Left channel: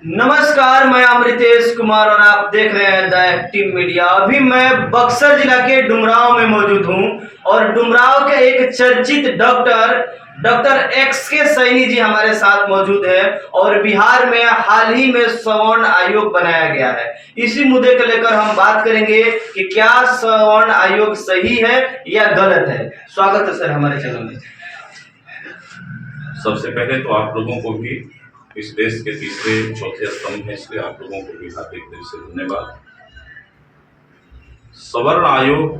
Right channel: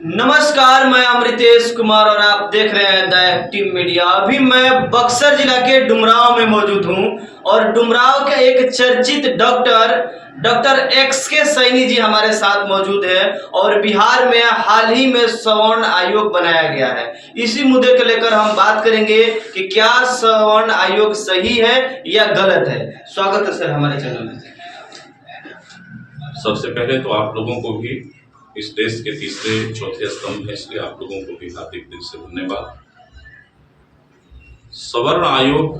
नमस्कार, मैं अमृतेश कुमार और आप देख रहे हैं द एक्टिव मीडिया। अभी मैं बक्सर जिला के डुमरांव में मौजूद हूं और डुमरांव के एक चर्चित डॉक्टर एक्स के सैनी जी हमारे साथ मौजूद हैं और बिहार में हाल ही में सवर्ण आयोग बनाया गया है। इसी मुद्दे को लेकर हम बात करेंगे कि क्या सवर्ण आयोग सही है या गलत है। स्वागत है सर हमारे चैनल में। सबसे पहले तो आप लोगों को भी इस देश के तीसरे चौथे स्तंभ है, इसलिए आप लोगों को भी हार्दिक दिल से धन्यवाद। सवर्ण आयोग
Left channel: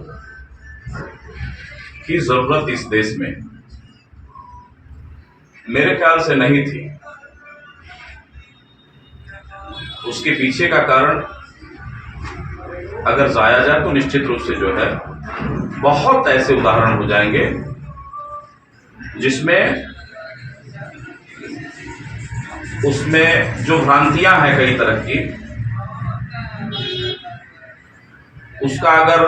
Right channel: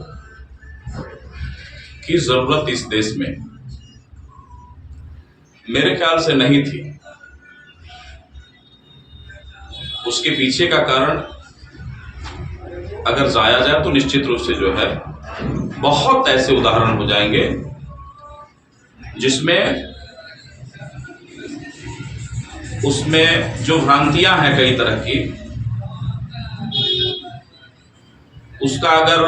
की जरूरत इस देश में मेरे ख्याल से नहीं थी। उसके पीछे का कारण अगर जाया जाए तो निश्चित रूप से जो है बहुत ऐसे उदाहरण हो जाएंगे जिसमें उसमें जो भ्रांतियां हैं कई तरह की, उसका अगर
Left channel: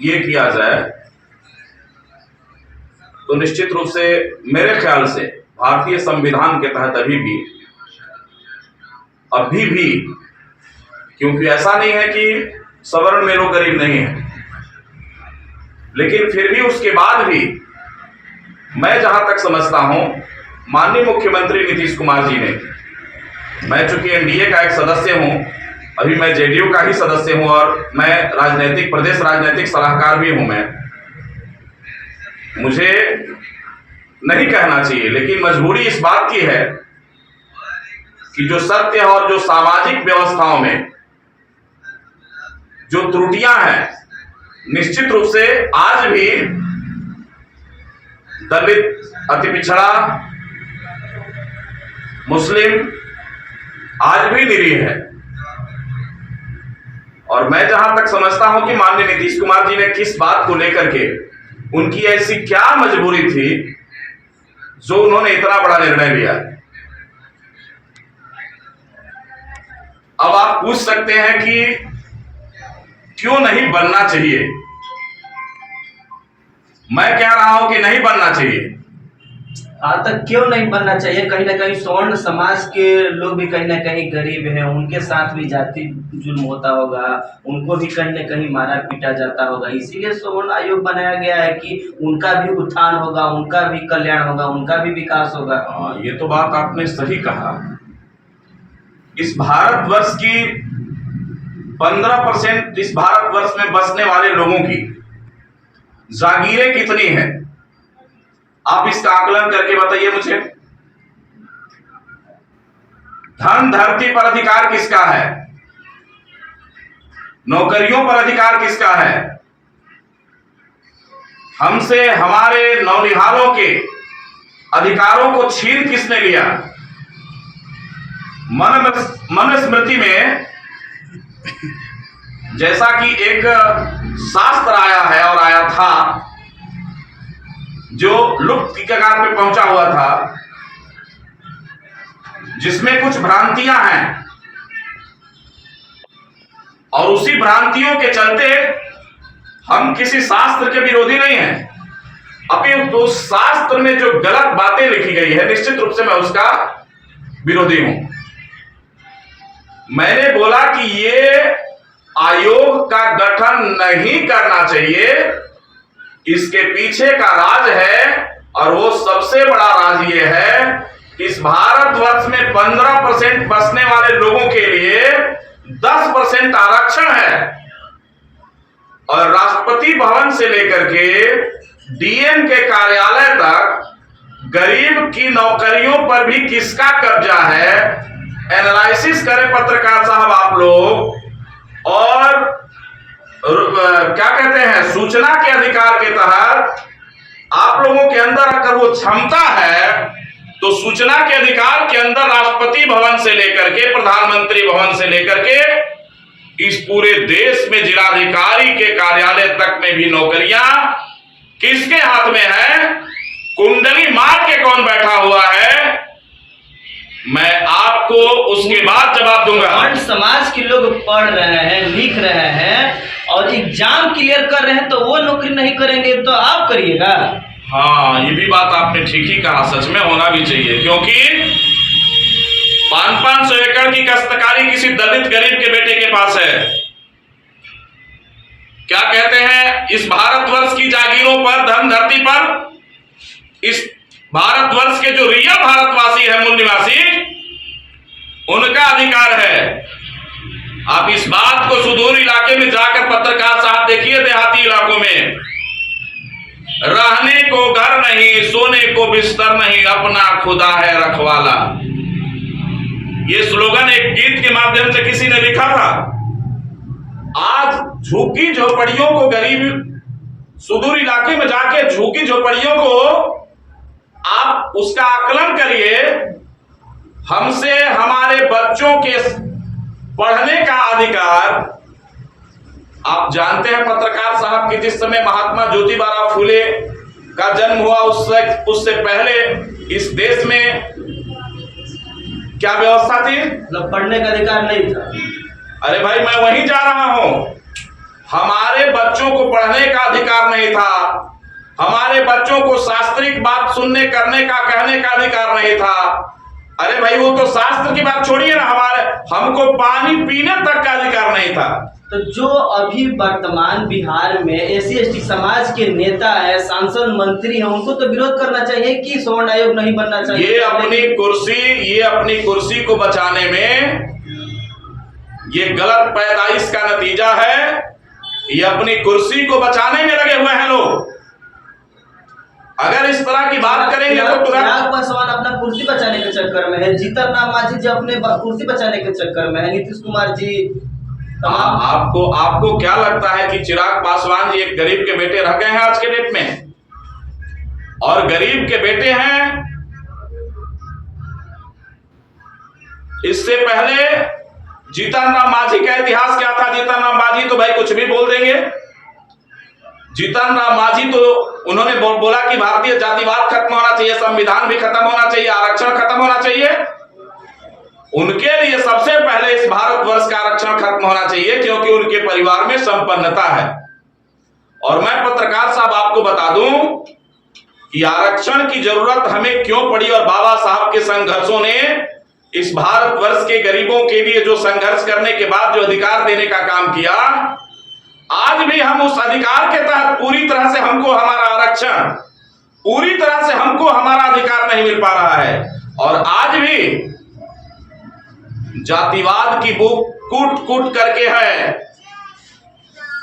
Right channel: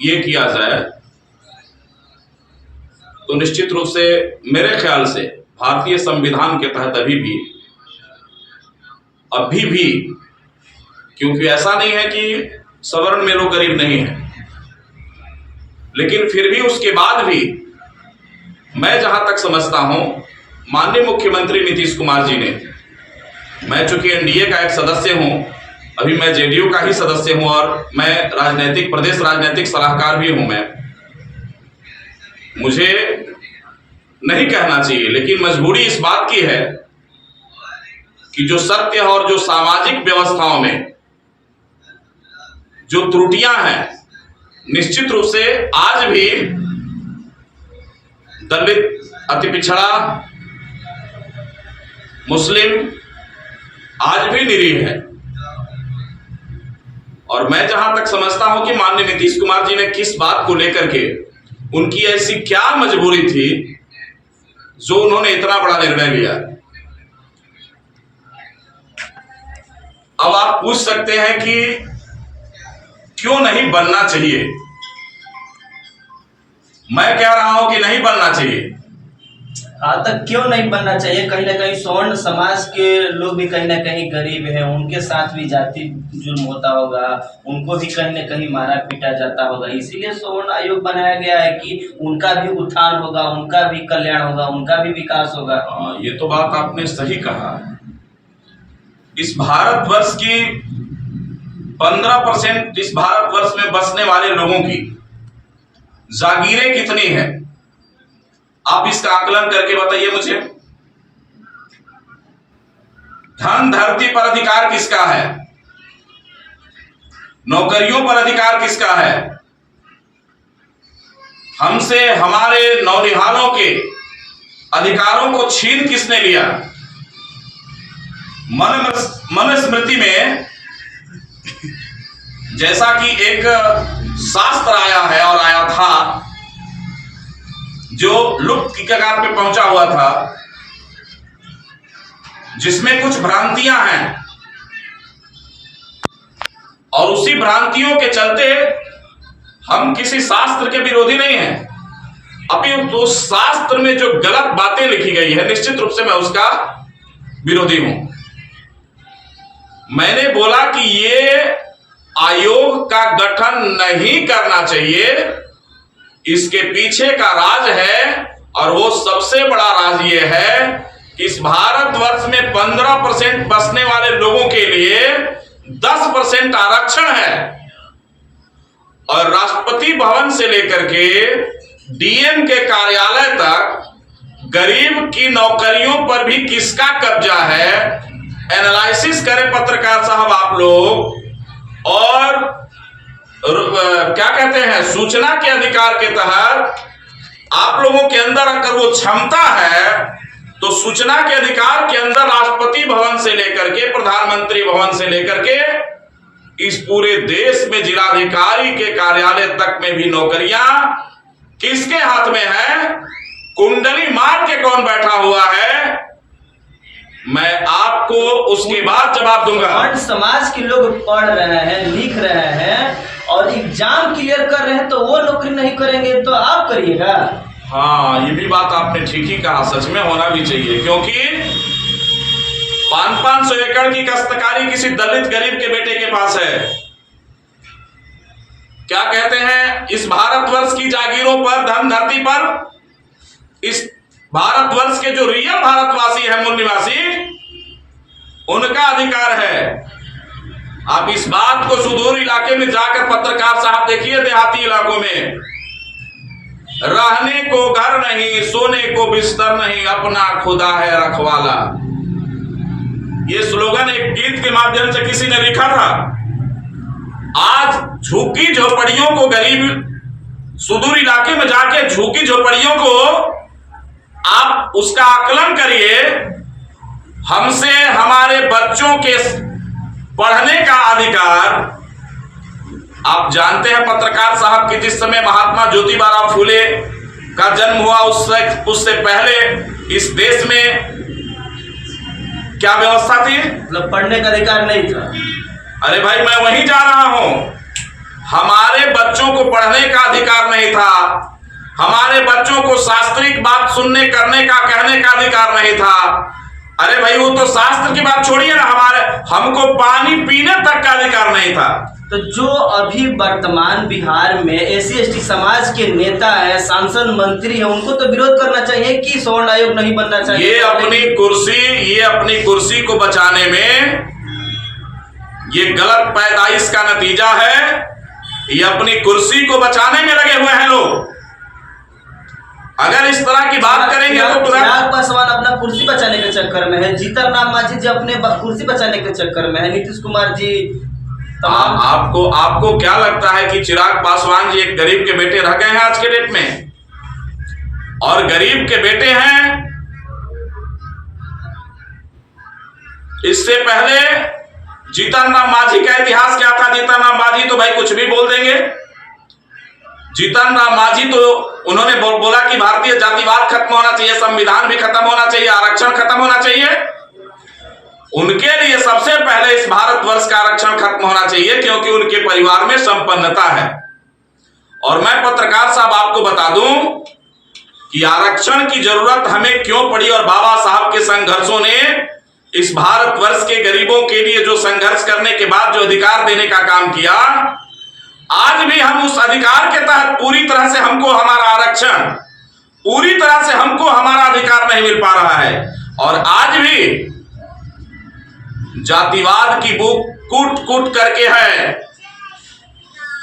ये किया जाए तो निश्चित रूप से मेरे ख्याल से भारतीय संविधान के तहत अभी भी क्योंकि ऐसा नहीं है कि सवर्ण में लोग गरीब नहीं है, लेकिन फिर भी उसके बाद भी मैं जहां तक समझता हूं माननीय मुख्यमंत्री नीतीश कुमार जी ने, मैं चूंकि एनडीए का एक सदस्य हूं, अभी मैं जेडीयू का ही सदस्य हूं और मैं प्रदेश राजनीतिक सलाहकार भी हूं। मुझे नहीं कहना चाहिए, लेकिन मजबूरी इस बात की है कि जो सत्य और जो सामाजिक व्यवस्थाओं में जो त्रुटियां हैं, निश्चित रूप से आज भी दलित, अति पिछड़ा, मुस्लिम आज भी निरीह है। और मैं जहां तक समझता हूं कि माननीय नीतीश कुमार जी ने किस बात को लेकर के, उनकी ऐसी क्या मजबूरी थी जो उन्होंने इतना बड़ा निर्णय लिया। अब आप पूछ सकते हैं कि क्यों नहीं बनना चाहिए। मैं कह रहा हूं कि नहीं बनना चाहिए। तक क्यों नहीं बनना चाहिए? कहीं ना कहीं सवर्ण समाज के लोग भी कहीं ना कहीं गरीब हैं, उनके साथ भी जाति जुल्म होता होगा, उनको भी कहीं ना कहीं मारा पीटा जाता होगा। इसीलिए सवर्ण आयोग बनाया गया है कि उनका भी उत्थान होगा, उनका भी कल्याण होगा, उनका भी विकास होगा। ये तो बात आपने सही कहा। इस भारतवर्ष की 15% इस भारतवर्ष में बसने वाले लोगों की जागीरें कितनी हैं, आप इसका आकलन करके बताइए मुझे। धन धरती पर अधिकार किसका है? नौकरियों पर अधिकार किसका है? हमसे हमारे नौनिहालों के अधिकारों को छीन किसने लिया? मनुस्मृति में जैसा कि एक शास्त्र आया है और आया था जो लुप्त की कगार पे पहुंचा हुआ था, जिसमें कुछ भ्रांतियां हैं और उसी भ्रांतियों के चलते हम किसी शास्त्र के विरोधी नहीं हैं, अपितु उस शास्त्र में जो गलत बातें लिखी गई है निश्चित रूप से मैं उसका विरोधी हूं। मैंने बोला कि ये आयोग का गठन नहीं करना चाहिए, इसके पीछे का राज है और वो सबसे बड़ा राज ये है कि इस भारतवर्ष में 15% बसने वाले लोगों के लिए 10% आरक्षण है और राष्ट्रपति भवन से लेकर के डीएम के कार्यालय तक गरीब की नौकरियों पर भी किसका कब्जा है, एनालिसिस करें पत्रकार साहब आप लोग। और क्या कहते हैं, सूचना के अधिकार के तहत आप लोगों के अंदर अगर वो क्षमता है तो सूचना के अधिकार के अंदर राष्ट्रपति भवन से लेकर के प्रधानमंत्री भवन से लेकर के इस पूरे देश में जिलाधिकारी के कार्यालय तक में भी नौकरियां किसके हाथ में है? कुंडली मार के कौन बैठा हुआ है? मैं आपको उसके बाद जवाब दूंगा। समाज के लोग पढ़ रहे हैं, लिख रहे हैं और एग्जाम क्लियर कर रहे हैं, तो वो नौकरी नहीं करेंगे तो आप करिएगा। हाँ, ये भी बात आपने ठीक ही कहा, सच में होना भी चाहिए, क्योंकि 500 एकड़ की काश्तकारी किसी दलित गरीब के बेटे के पास है। क्या कहते हैं, इस भारतवर्ष की जागीरों पर, धन धरती पर, इस भारतवर्ष के जो रियल भारतवासी है, मूल निवासी, उनका अधिकार है। आप इस बात को सुदूर इलाके में जाकर पत्रकार साहब देखिए, देहाती इलाकों में रहने को घर नहीं, सोने को बिस्तर नहीं, अपना खुदा है रखवाला। ये स्लोगन एक गीत के माध्यम से किसी ने लिखा था। आज झुग्गी झोपड़ियों को, गरीब सुदूर इलाके में जाके झुग्गी झोपड़ियों को आप उसका आकलन करिए। हमसे हमारे बच्चों के पढ़ने का अधिकार, आप जानते हैं पत्रकार साहब कि जिस समय महात्मा ज्योतिबा फूले का जन्म हुआ उससे पहले इस देश में क्या व्यवस्था थी? मतलब पढ़ने का अधिकार नहीं था। अरे भाई, मैं वहीं जा रहा हूं। हमारे बच्चों को पढ़ने का अधिकार नहीं था, हमारे बच्चों को शास्त्रिक बात सुनने, करने का, कहने का अधिकार नहीं था। अरे भाई, वो तो शास्त्र की बात छोड़िए ना, हमको पानी पीने तक का अधिकार नहीं था। तो जो अभी वर्तमान बिहार में SC/ST समाज के नेता है, सांसद, मंत्री हैं, उनको तो विरोध करना चाहिए कि स्वर्ण आयोग नहीं बनना चाहिए। ये अपनी कुर्सी को बचाने में, ये गलत पैदाइश का नतीजा है। ये अपनी कुर्सी को बचाने में लगे हुए हैं लोग। अगर इस तरह की बात करेंगे तो चिराग पासवान अपना कुर्सी बचाने के चक्कर में है, जीतन राम मांझी जी अपने कुर्सी बचाने के चक्कर में है, नीतीश कुमार जी तमाम। आपको क्या लगता है कि चिराग पासवान जी एक गरीब के बेटे रह गए हैं आज के डेट में? और गरीब के बेटे हैं। इससे पहले जीतन राम मांझी का इतिहास क्या था? जीतन राम मांझी तो भाई कुछ भी बोल देंगे। जीतन राम मांझी तो उन्होंने बोला कि भारतीय जातिवाद खत्म होना चाहिए, संविधान भी खत्म होना चाहिए, आरक्षण खत्म होना चाहिए। उनके लिए सबसे पहले इस भारतवर्ष का आरक्षण खत्म होना चाहिए, क्योंकि उनके परिवार में संपन्नता है। और मैं पत्रकार साहब आपको बता दूं कि आरक्षण की जरूरत हमें क्यों पड़ी, और बाबा साहब के संघर्षों ने इस भारतवर्ष के गरीबों के लिए जो संघर्ष करने के बाद जो अधिकार देने का काम किया, आज भी हम उस अधिकार के तहत पूरी तरह से हमको हमारा आरक्षण, पूरी तरह से हमको हमारा अधिकार नहीं मिल पा रहा है। और आज भी जातिवाद की बुक कूट कूट करके है।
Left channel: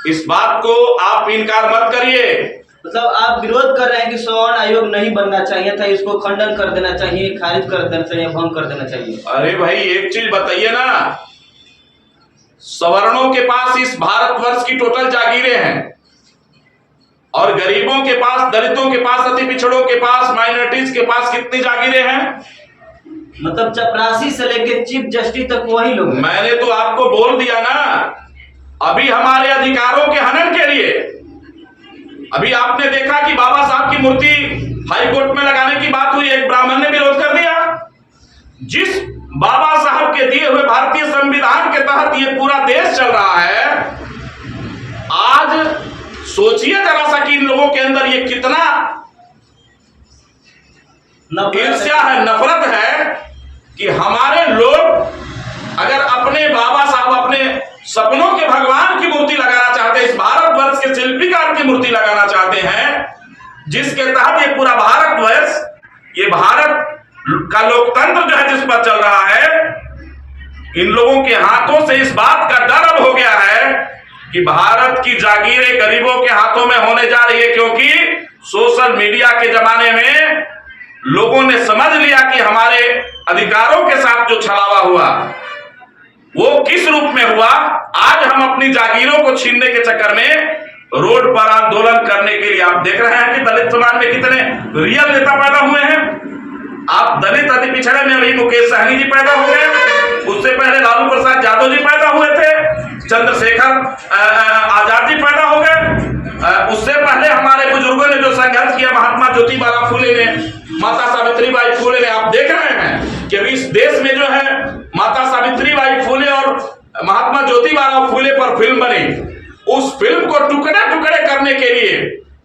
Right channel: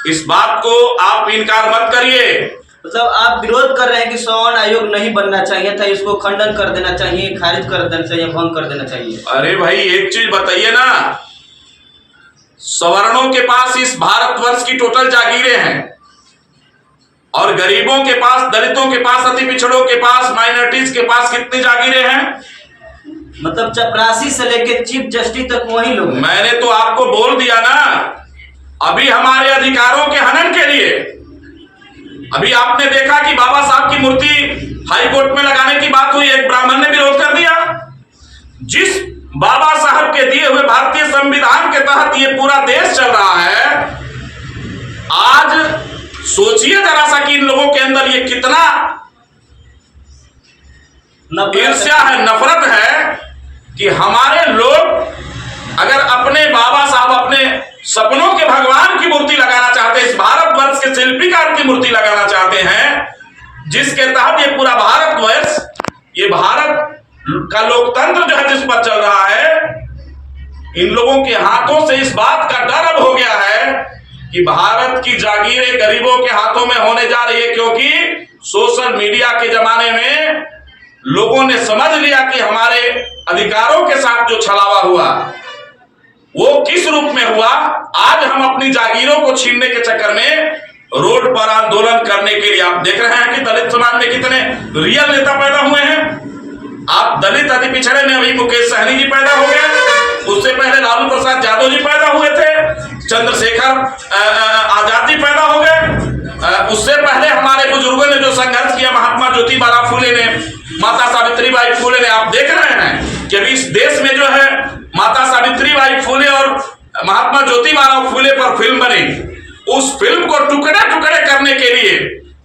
इस बात को आप इनकार मत करिए। मतलब आप विरोध कर रहे हैं कि स्वर्ण आयोग नहीं बनना चाहिए था, इसको खंडन कर देना चाहिए, खारिज कर देना चाहिए, भंग कर देना चाहिए। अरे भाई, एक चीज बताइए ना, सवर्णों के पास इस भारतवर्ष की टोटल जागीरें हैं, और गरीबों के पास, दलितों के पास, अति पिछड़ों के पास, माइनॉरिटीज के पास कितनी जागीरें हैं? मतलब चपरासी से लेके चीफ जस्टिस तक वही लोग। मैंने तो आपको बोल दिया ना, अभी हमारे अधिकारों के हनन के लिए, अभी आपने देखा कि बाबा साहब की मूर्ति हाईकोर्ट में लगाने की बात हुई, एक ब्राह्मण ने विरोध कर दिया। जिस बाबा साहब के दिए हुए भारतीय संविधान के तहत ये पूरा देश चल रहा है, आज सोचिए जरा सा कि इन लोगों के अंदर ये कितना ईर्ष्या है, नफरत है, कि हमारे लोग अगर अपने बाबा साहब, अपने सपनों के भगवान की मूर्ति लगाना चाहते हैं, इस भारतवर्ष के शिल्पीकार की मूर्ति लगाना चाहते हैं, जिसके तहत ये पूरा भारतवर्ष, ये भारत का लोकतंत्र जो है जिस पर चल रहा है, इन लोगों के हाथों से इस बात का डर अब हो गया है कि भारत की जागीरें गरीबों के हाथों में होने जा रही है। क्योंकि सोशल मीडिया के जमाने में लोगों ने समझ लिया कि हमारे अधिकारों के साथ जो छलावा हुआ वो किस रूप में हुआ। आज हम अपनी जागीरों को छीनने के चक्कर में रोड पर आंदोलन करने के लिए, आप देख रहे हैं कि दलित समाज में कितने रियल नेता पैदा हुए हैं। आप दलित अति पिछड़े में अभी मुकेश सहनी जी पैदा हो गए, उससे पहले लालू प्रसाद यादव जी पैदा हुए थे, चंद्रशेखर आजाद जी पैदा हो गए, उससे पहले हमारे बुजुर्गों ने जो संघर्ष किया, महात्मा ज्योतिबा फूले ने, माता सावित्रीबाई फूले ने, आप देख रहे हैं कि अभी इस देश में जो है माता सावित्रीबाई फूले और महात्मा ज्योतिबा फूले पर फिल्म बनी। उस फिल्म को टुकड़े टुकड़े करने के लिए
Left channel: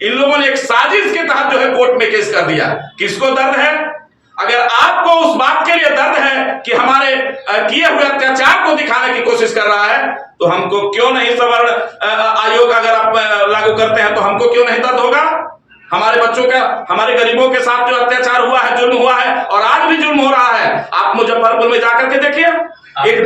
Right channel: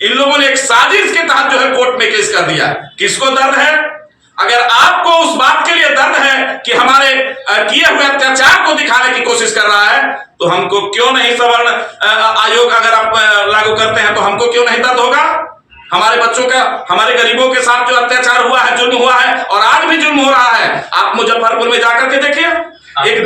इन लोगों ने एक साजिश के तहत जो है कोर्ट में केस कर दिया। किसको दर्द है? अगर आपको उस बात के लिए दर्द है कि हमारे किए हुए अत्याचार को दिखाने की कोशिश कर रहा है, तो हमको क्यों नहीं सवर्ण आयोग अगर आप लागू करते हैं तो हमको क्यों नहीं दर्द होगा? हमारे बच्चों का, हमारे गरीबों के साथ जो अत्याचार हुआ है, जुल्म हुआ है और आज भी जुल्म हो रहा है, आप मुजफ्फरपुर में जाकर के देखिए। एक